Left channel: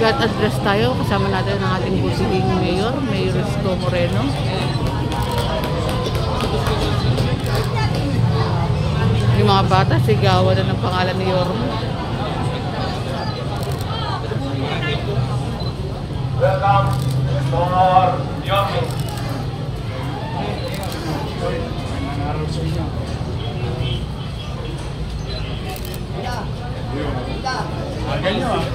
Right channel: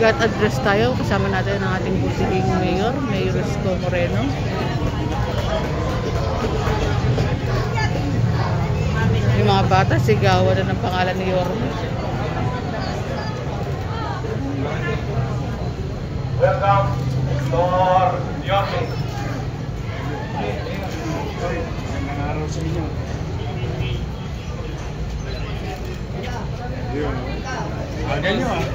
Got address tayo. Kasama natin ang ating busiging mayor, Mayor Isko Moreno. Yung mga bata, sigawan na ng pangalan ni Yorme. Welcome to our Yorme. Magandang araw sa inyo.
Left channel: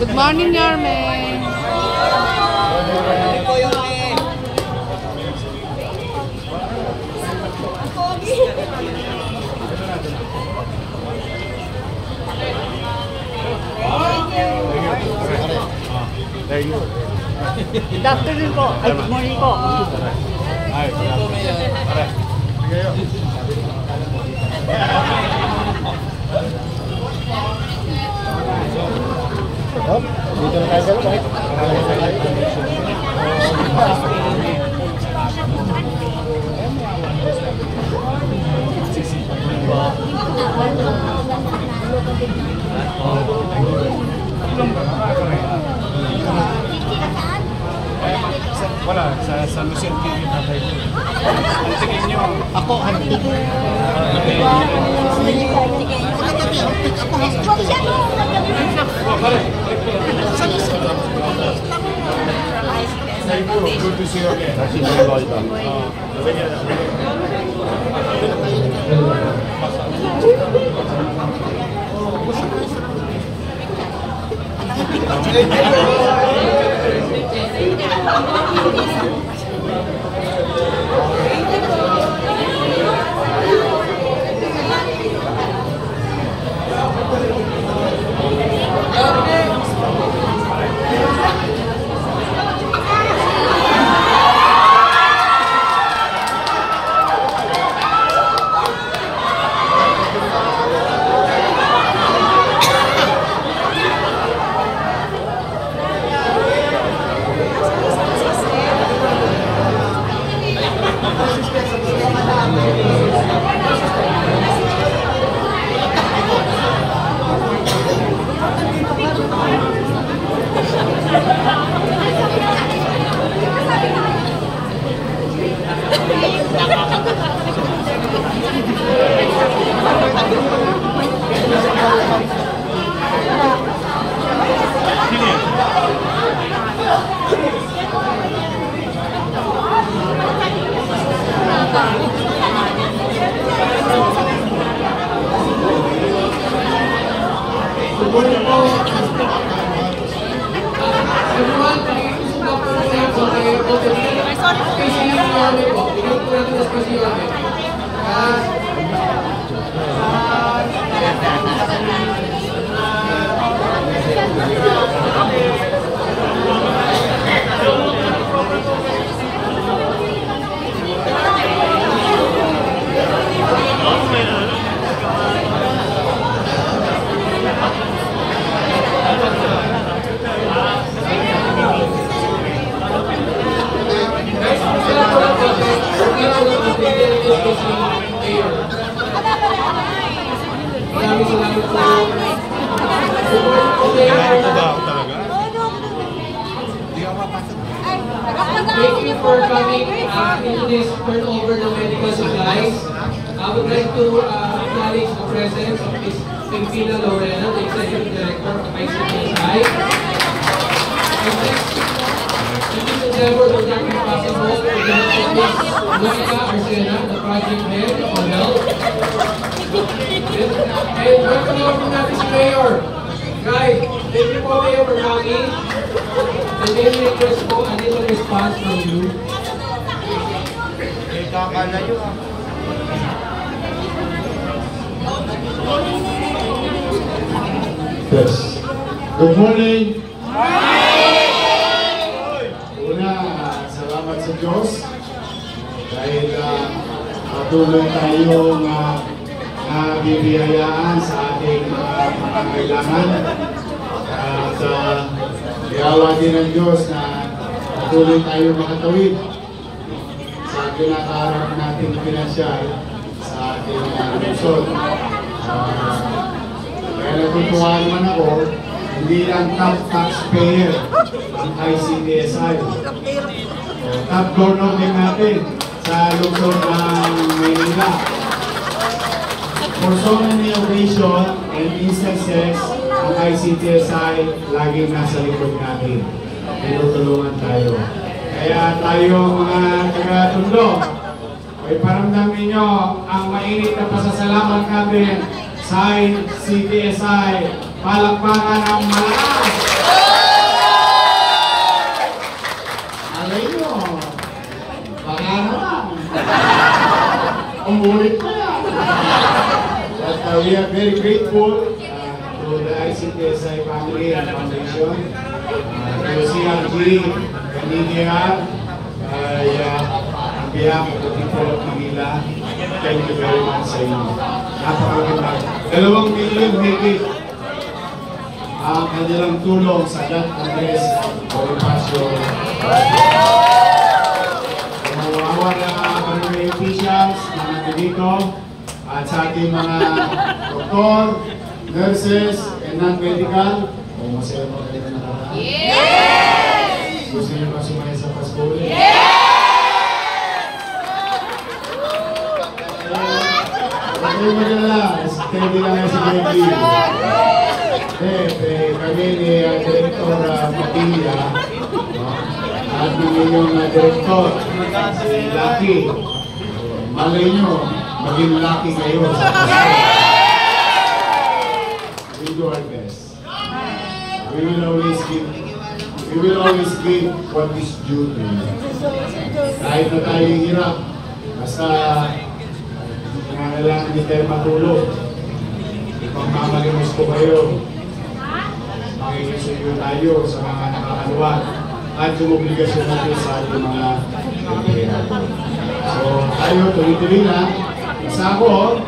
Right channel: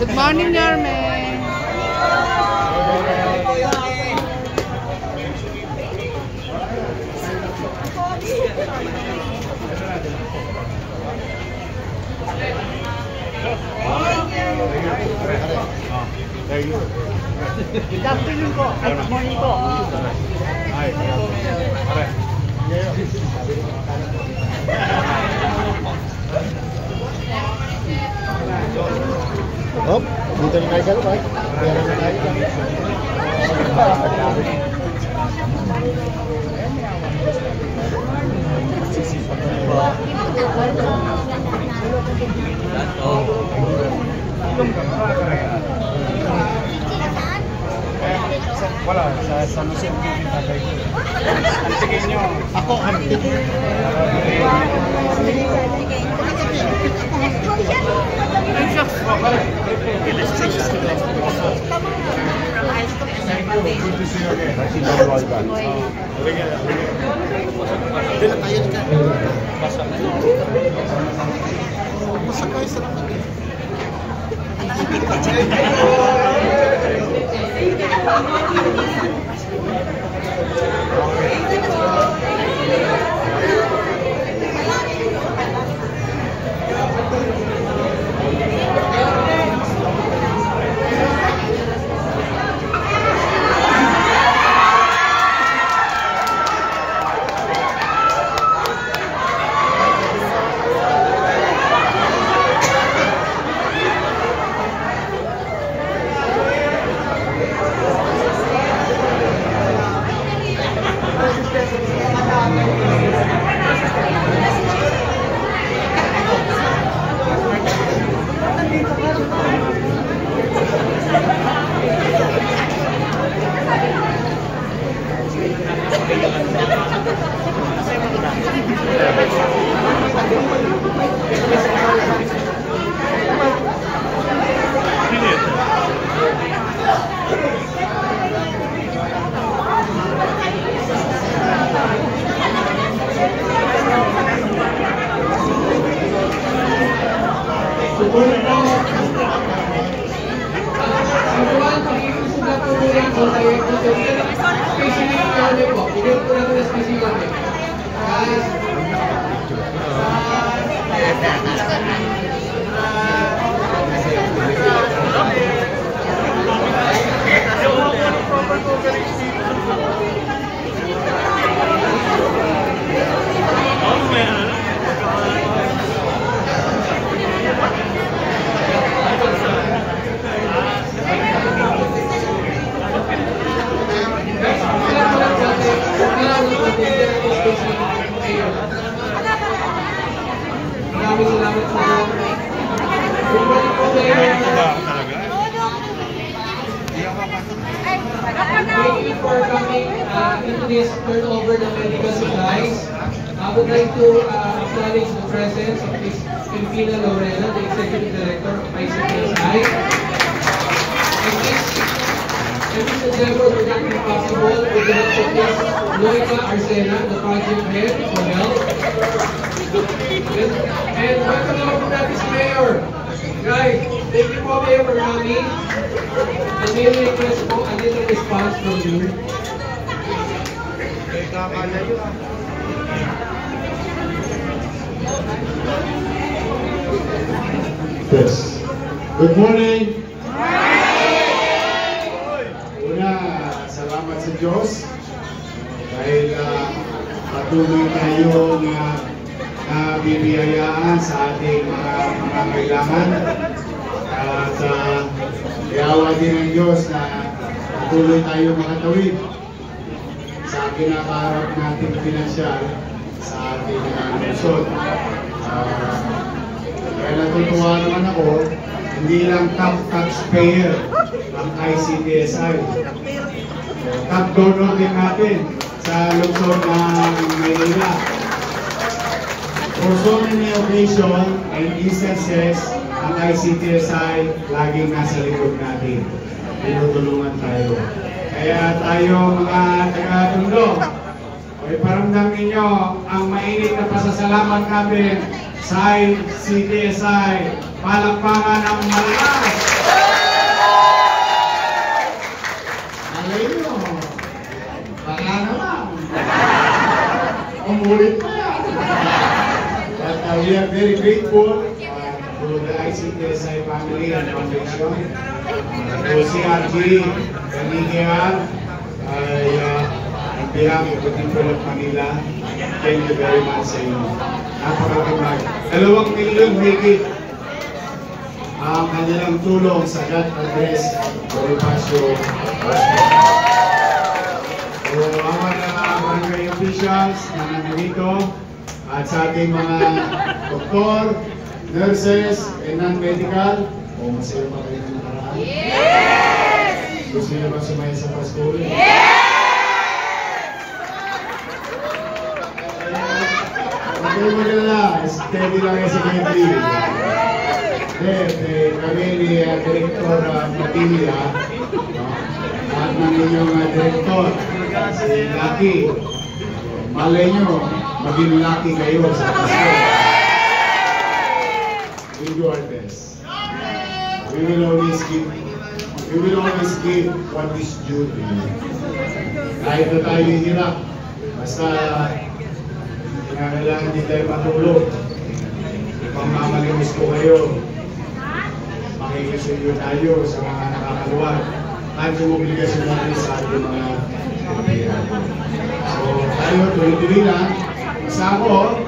Good morning, Yorme. Thank you. Good afternoon po. Ay, good morning po. Ay, good afternoon. Pare. Oh, dito na tayo sa loob, right? Wala, sa San Jose TV tatay ko. Hantigin nyo. Ako, hantig. Thank you. Good to see you again. Kasi nangloy ba? Thank you for coming to this turnover the medical supplies. I would like to acknowledge the presence of Ms. Pempina Lorena, the Executive Director of ICPSI. And Ms. Endeavor would not be possible without Ms. Monica Arcena, the Project Head for Health. And welcome naman po natin si Mayor. Guys, thank you po, Mayor, for coming. And may request po a little response from you. Yes. Good morning. Una, salamat sa Diyos dahil patuloy tayong bibiyayaan sa ating pangangailangan at yawa din ng Diyos na patuloy tayo makatawid sa kinakaharap nating pinansyal sa ating lungsod. Kaya natutuwa naman ako, hindi lang top taxpayer ang ICTSI. Top donor din natin sa lungsod ng Manila. For so many occasions and instances, ang ICTSI laging nasa likod natin. Tinutulungan tayo. Kaya tayo mga taga-Tondo, ay paramdam ninyo ang mainit na pasasalamat natin sa ICTSI. Palakpakan ang malakas! Alay nyo, baka naman. Umulit pa yan. But we are very grateful to the ICTSI family and foundation, to CRG, Canadian, on behalf of the people of Manila. Thank you very much sa inyo. Napakagandang 2 milyon higit ang kanilang tulong sa God Congress Bonifacio. So, awal ng mga barangay officials na nandito at sa ating mga doktor, nurses, and non-medical. Masaya pa kayo na nakaraan? Yes! Gusto niyo ba sumaya sa Pasko? Yes! Huwag mo na lang, steady lang yan si Gently. Kami ni Director Matilla at ng inyong Director, si Lucky. Malay nyo, maging lucky kayo sa Pasko. We do our best. We will always give what is due to you. Kahit na tayo hirap, basta kailangan di tayo matulog. Kung mamalimos ko kayo, makikisuyo tayo sa mga nakakaluwa at yung obligasyon natin sa ating mga empleyado. So tayo, tuloy-tuloy lang. Sa ako,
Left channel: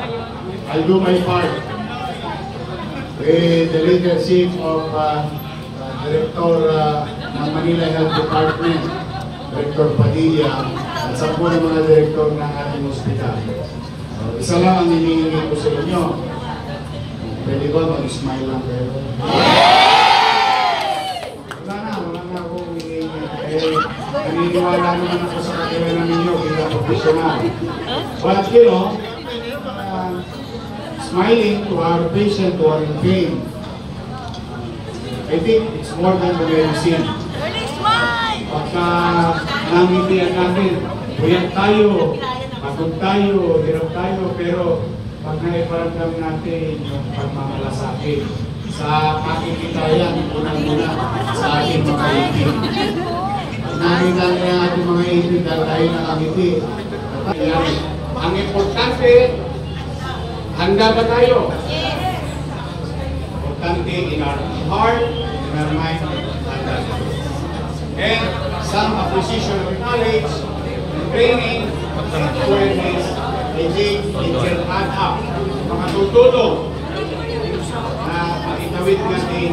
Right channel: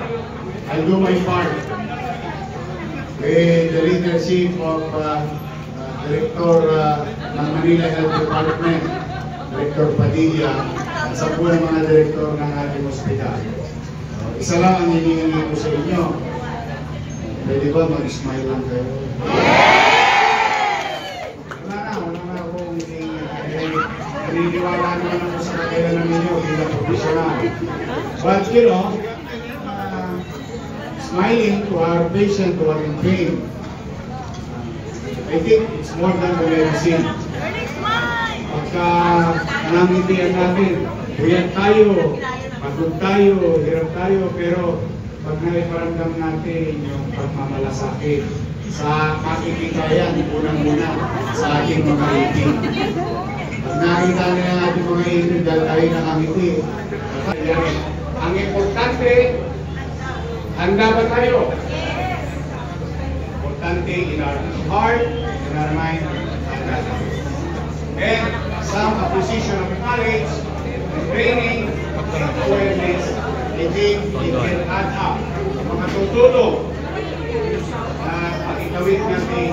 I'll do my part with the leadership of Director ng Manila Health Department, Director Padilla, at sa po ng mga direktor ng ating ospital. So, isa lang ang hinihingi ko sa inyo. Pwede ba mag-smile lang kayo? Wala na akong hinihingi. Naniniwala naman ako sa kakayanan ninyo bilang profesional. But you know, smiling to our patient who are in pain, I think it's more than the medicine. Pagka namitian natin, buyan tayo, pagod tayo, hirap tayo, pero pag naiparamdam natin yung pagmamalasakit sa makikikayan, unang-una sa ating mga itin. Pag nakita nila ang ating mga itin dahil tayo nakangiti. Ang importante, handa ba tayo? Yes! Importante in our heart, in our mind, handa tayo. And some acquisition of knowledge, training, and awareness, I think it can add up. Mga tutulong na makikawit natin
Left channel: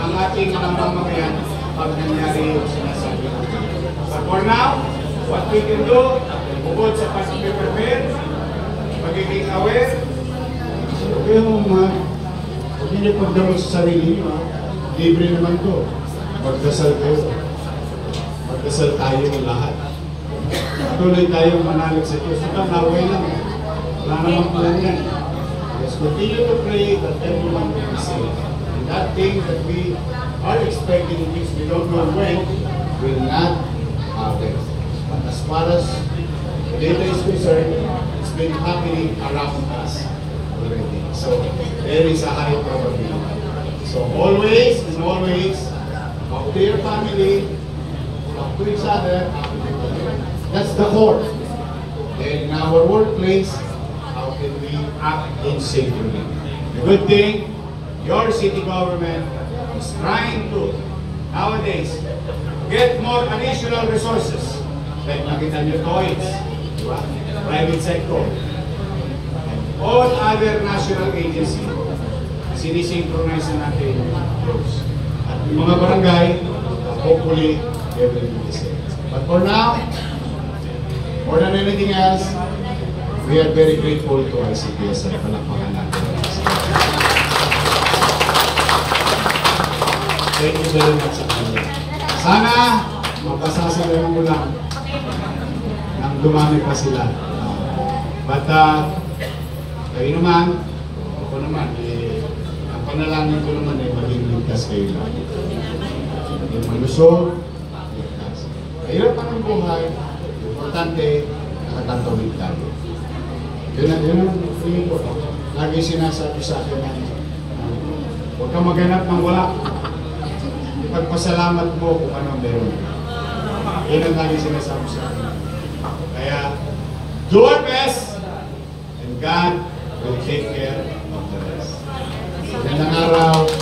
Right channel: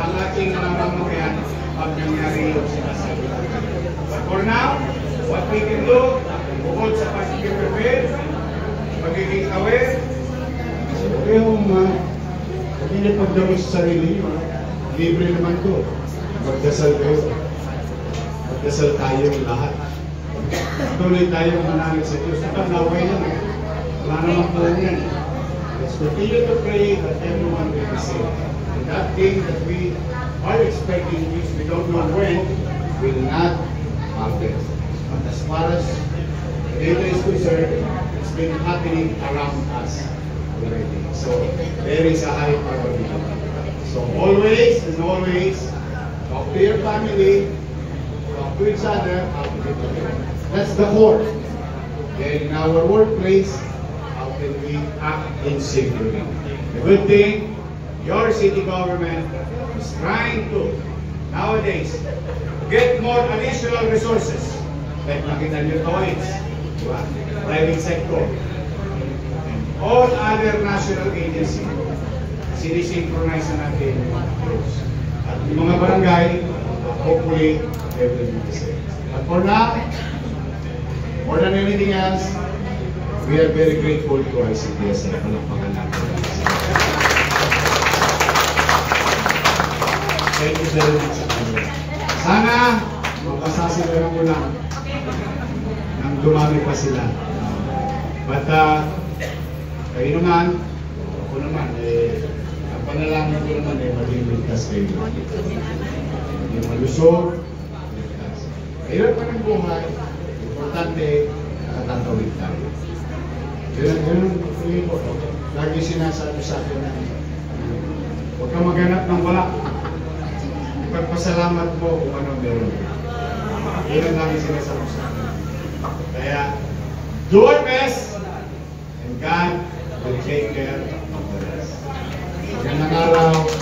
ang ating mga mamamayan pag nangyari yung sinasabi natin. But for now, what we can do, bukod sa pag-prepare, magiging aware, huwag niyo pagdaro sa sarili niyo. Libre naman to. Magdasal kayo. Magdasal tayo lahat. Tuloy tayong manalig sa Diyos. Ito, naway lang. Wala naman po yan. Let's continue to pray that everyone will be saved. And that thing that we are expecting, which we don't know when, will not happen. But as far as the data is concerned, it's been happening around us already. So there is a high probability. So always and always, talk to your family, talk to each other. That's the core. Then in our workplace, how can we act in safety? The good thing, your city government is trying to, nowadays, get more additional resources. Like nakita nyo toys, private sector. All other national agencies, sinisynchronize na natin those. At yung mga barangay, hopefully, they will be the same. But for now, more than anything else, we are very grateful to ICTS at palakpakan natin. Thank you very much. Sana, mapasasalaran mo lang nang dumami pa sila. But, kayo naman, ako naman, ang panalangin ko naman maging ligtas kayo. Maging malusog, ligtas. Kahirap pa ng buhay, importante, nakatantawid tayo. Yun ang feeling ko. Lagi sinasabi sa akin na huwag kang maghanap ng wala. Ipagpasalamat mo kung anong meron. Yun ang lagi sinasabi sa akin. Kaya, do our best and God will take care of the rest. Magandang araw.